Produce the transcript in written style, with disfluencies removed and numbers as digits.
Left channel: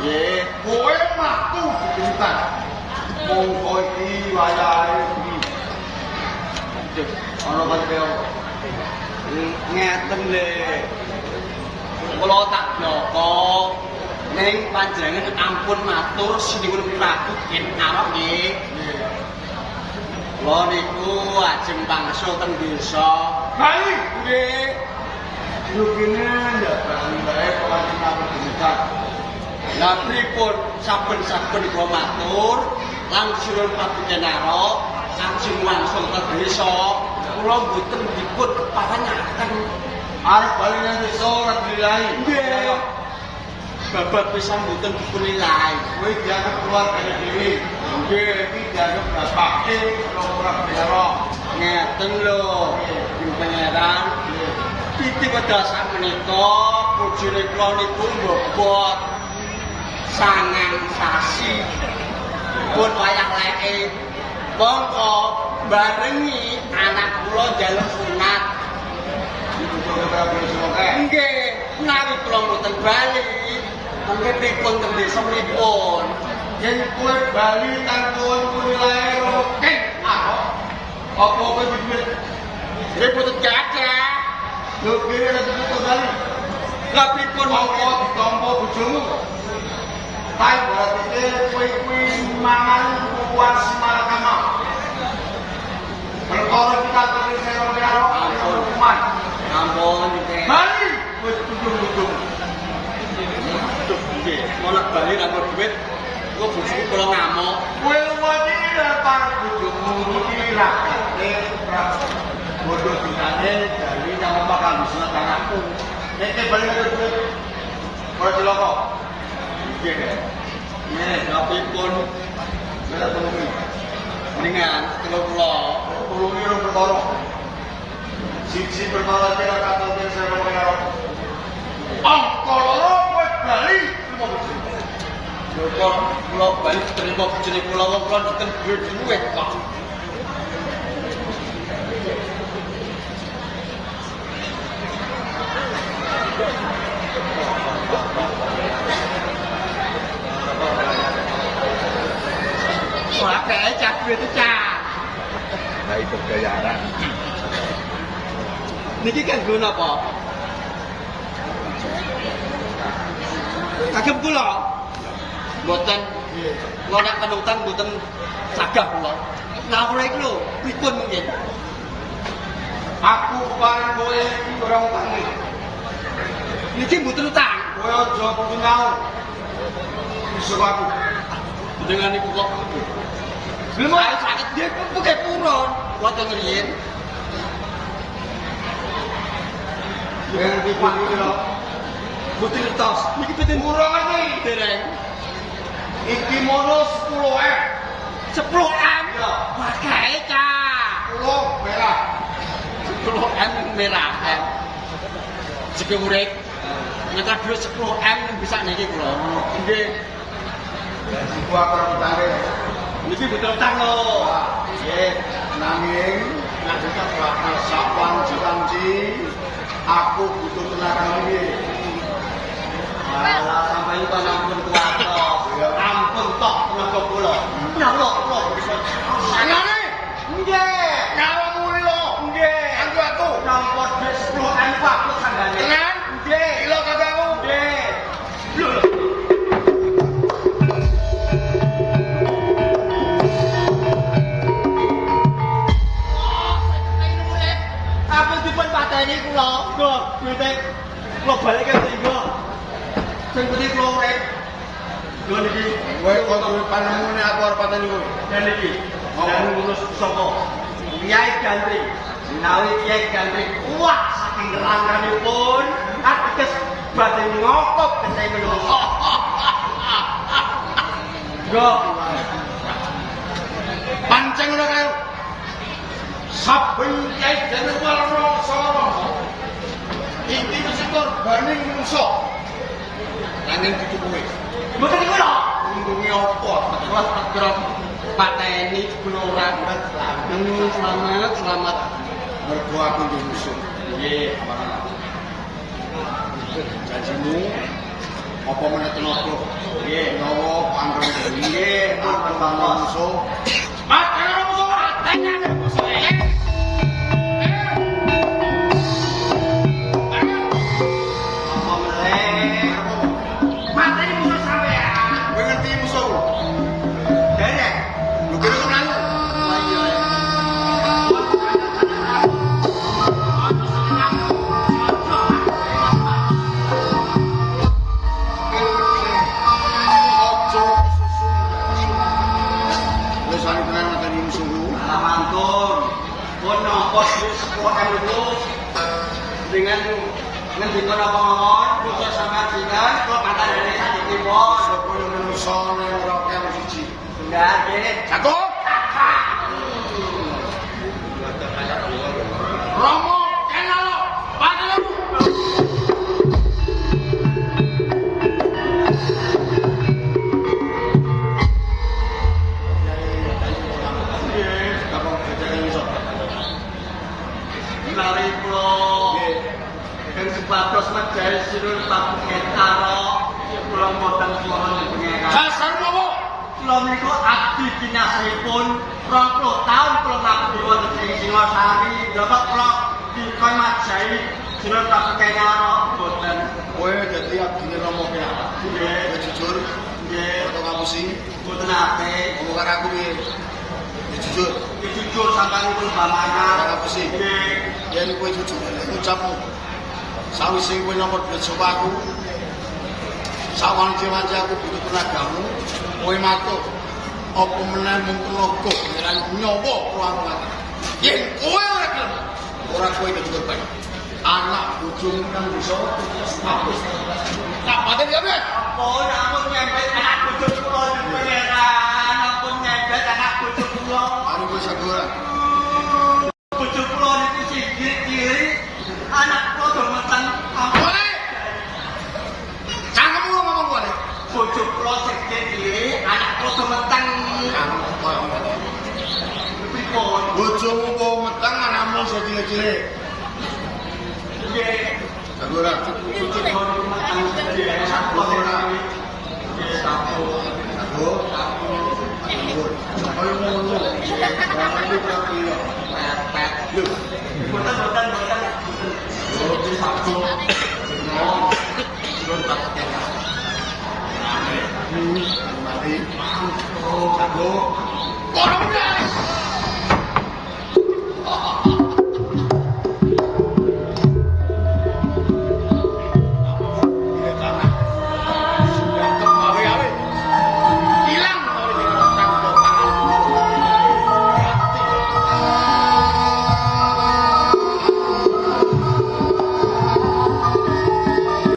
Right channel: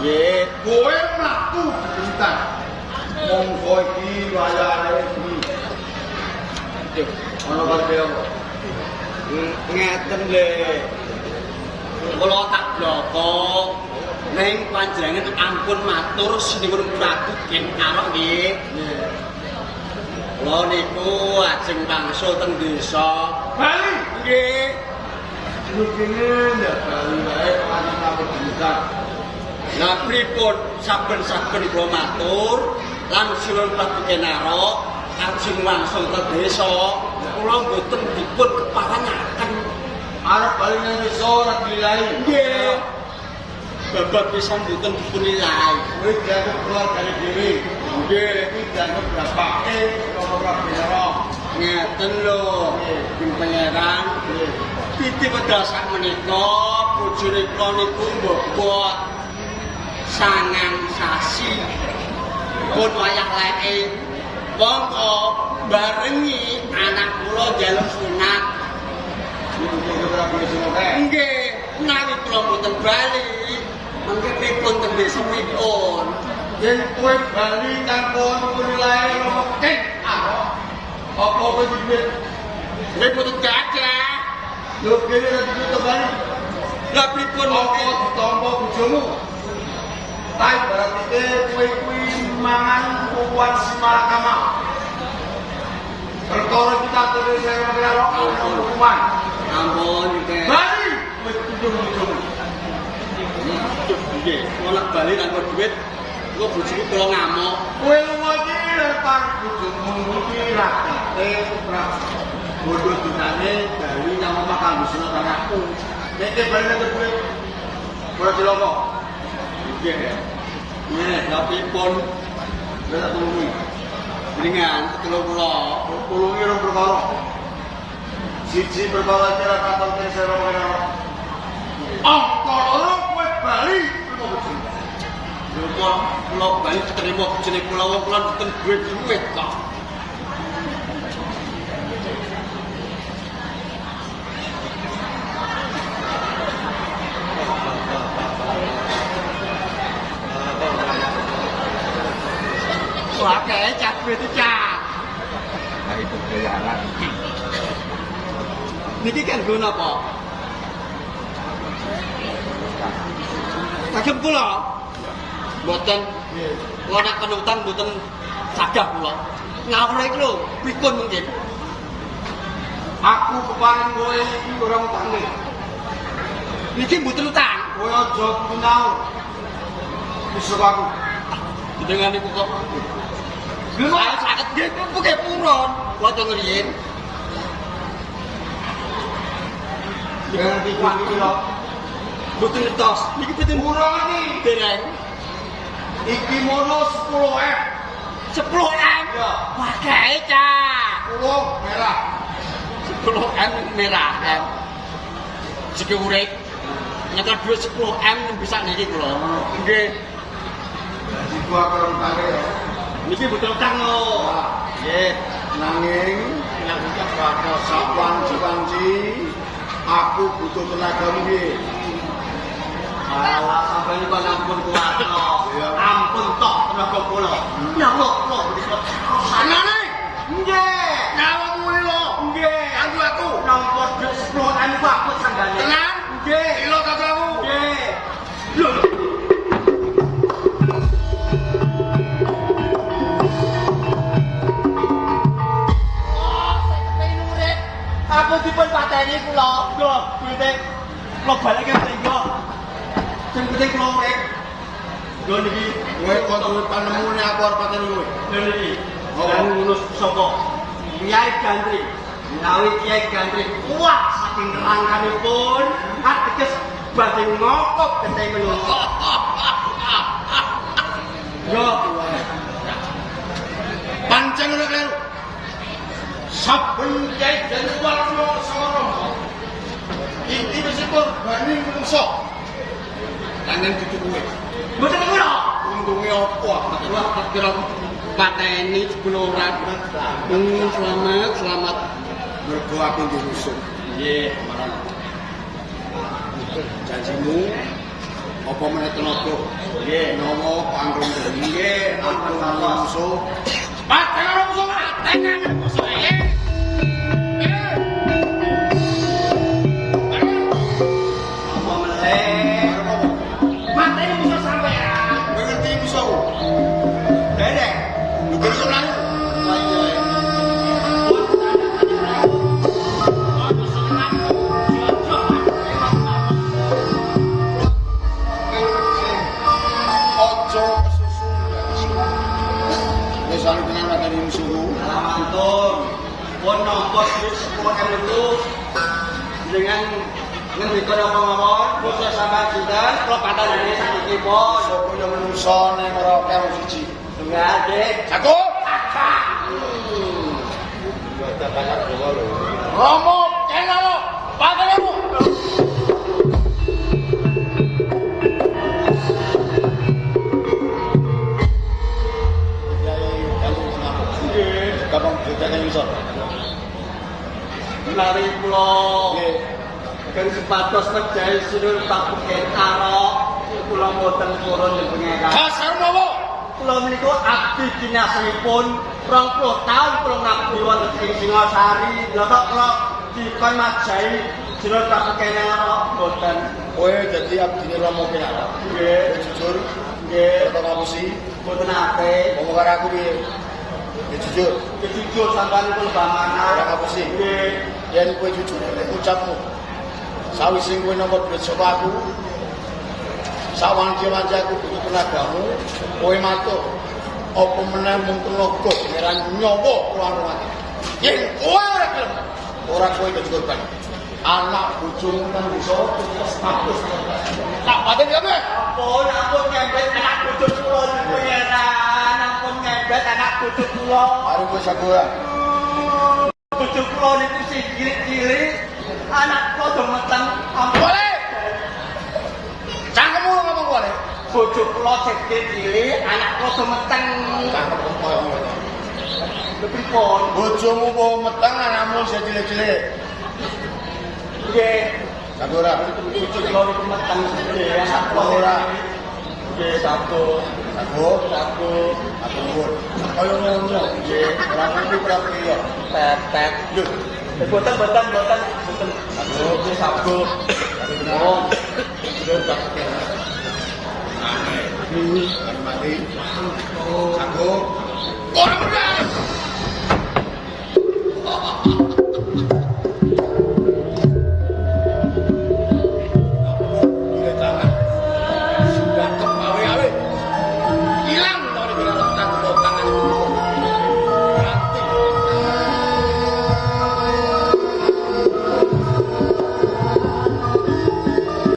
Nggih. Kowe mlaku bintang. Monggo iki wayane iki. Ana kaya Ngeten lho. Kula tak bloko. Ning panjenengan ampun matur sinuwun Prabu Gen Arok nggih. Kula niku ajeng pangsul teng desa. Bali Nggih. lu kene ndak bali wae panjenengan bintang. Lah pripun saben-saben kula matur lan sinuwun Prabu Gen Arok ajeng wangsul teng desa. Kula mboten dipun keparengaken Arep bali nang desa ora dilai. nggih. Bapak pisan mboten dipun nilai. Kowe dianggep keluargane dhewe. Nggih. Iki dianggep bapake ora bela. Ngeten lho, Pangeran. Titi wedal sak menika bojone kula niku mbobot 9 sasi. Pun wayah leke. Monggo barengi anak kula njaluk sunat. Nggih, menawi kula mboten bali, mengke pripun teng desa pripun? Yen kowe bali tanpa nilai apa dibet? Nek mboten gagah, Lu kene ora dibutuh bali. lah pripun Apa mongke? ditampa bojomu? Tai berarti kowe kuwi mangan uang simalakama. Perkara kita terus saya membela hukuman. Ampun nggih. Bali wis tujuh-tujuh. Nggih, mulak bali nanggo dhuwit, kok bojoku kula ngamuk. Kowe lunga iki datang bojomu iki ra kate prak. Bodoh dinane bali nang omah kanggo sunat anakku. Nek bali nang dhuwit. Ora diloko. Nggih. Iya, lha pripun? Bela tulungi. Dengan kula Tulungi rong perkara. Siji perkara kira katon kira saya membela. Loro kowe bali terima bojomu. lho kok kula bali terima bojone kula wong kula mboten duwe dhuwit kok. Wah, kayak cah duit cah. Nah itu bayaran. Niki kan guna apa? Kagem kula. Mboten kula nek penutang mboten sagah kula. Ngawur iki lho, pripun mungkin? Aku keparing kowe iki ora utange. Niki mboten utang. Kowe aja pinaur. Besok aku. Dengan niku kok. Lha Saya sakit nggih buke purun. Kula teng riyin. dengan iki lho. Mboten ngertos. Niki mboten Urung iki. dereng. Iki mono 10.000. 10M. Ya. Wah, kae cah. 10 merah. 10M merah kan. Jeke urip. Nyekel dhuwit 10M bisa niki kula. Nggih. Iku akar utange. Niki mboten utang lho. Nggih, nanging nek kita bakal sawanci-wanci aku butuh tenagamu nggih. Alah, sampeyan kok ampun kuat kok. Ampun tok menapa kula. Nyawuk kula mriko. Sanane. Nggih. Ngawamu iki lho. Nggih. Kanggo aku. Nampa dhuwit 10M ku aku sanggane. Tenan? Nggih. Ilo kagamu. Nggih. Lho. Apa dipun pateni kula? Lho, duwite kula balike mriko. Sing penting kula urip. Lho niki, Kowe kok duwe panemune aku arep pateni kowe. lho niki. Dan lulus saka Kiai Gantri. Menawi Kiai Gantri kuat saking rangkanipun, ateges badhe ngokop gete melu. Yo, Pancen ora kleru. Saben kiai dene warna sama. Iki mesti korbane menungso. Nanging gitu kowe. mboten kula. Untunge apa? Wah, tak kira pateni sebelum ora. Selamat, selamat. Mergo aku ndek musuh. Nggih, Janjimu apa meneh tenaga. Nggih. Nyawa panggung dening Nggih, aku lan musuh. Paten karo musuh, paten karo musuh. Apa meneh? Mateni musuh sampean. Kowe ngerti musuh? Dene. Lu kira kok mlayu? Lah iya. Ojo kesusu. Wis wani tenan mateni musuhku. Alamantun, pun nopo sih sepuakan itu dengan ngendika napa mawon, khusus sampean sinten, kula patah dari saniki pun. Sapa yo menungso ning ora karo siji. Enggak, Dik. Aku Ada banyak dulu lho. Romo kenalo patenmu. Kapan kita kan bisa? Menawi kula Nggih. kan sepados medhai sinun pabuken karo kula mboten purun pengeran. Kasar mawo. Kula niku abdi dinasipun 20 taun kula ngabdi wonten ing Singosari. Bapak kula dikon majahi sinun pabuken karo mboten. Kowe dadi abdine Romo Kenalo. Nggih, Kowe jujur, nggih, ora kamu sih. mboten apik. Ngomong karo aku piye? Ya jujur. Jujur sampean kula bamana. Ora kamu sih. Nggih. Yen kowe jujur ucapmu. Sawise kowe nomor duit saka aku. Sawanci-wanci aku butuh tenagamu, kowe matuk. Apa meneh mung tenaga pangeran nyawa ruang-ruang. Yen kowe ora gelem, ora kowe kecukupan. Anak bojomu nang bisa status. Tak paten ya, Mas. Ampun nyempet anak bojo kula di pengeran. Ampun nyempet anak bojo kula. Arep kowe sagora. Bojo kula niku sing cilik-cilik. Anak kula do meteng. Ampun. Boleh. Cangkemmu ngomong boleh. Bojo kula sing cilik, anak kula do meteng. Pripun? Bojomu po meteng anakmu sing cilik-cilik. Nggih. Sagora. Bojo kula niku meteng. Nggih, anak kula Ora. nggih satu. Aku, aku. Ayo ngono. Ora ngerti prapriya. Pepet. Lho, Boten. Boten sabut. Oh. Dul pakai. Mati. Aku.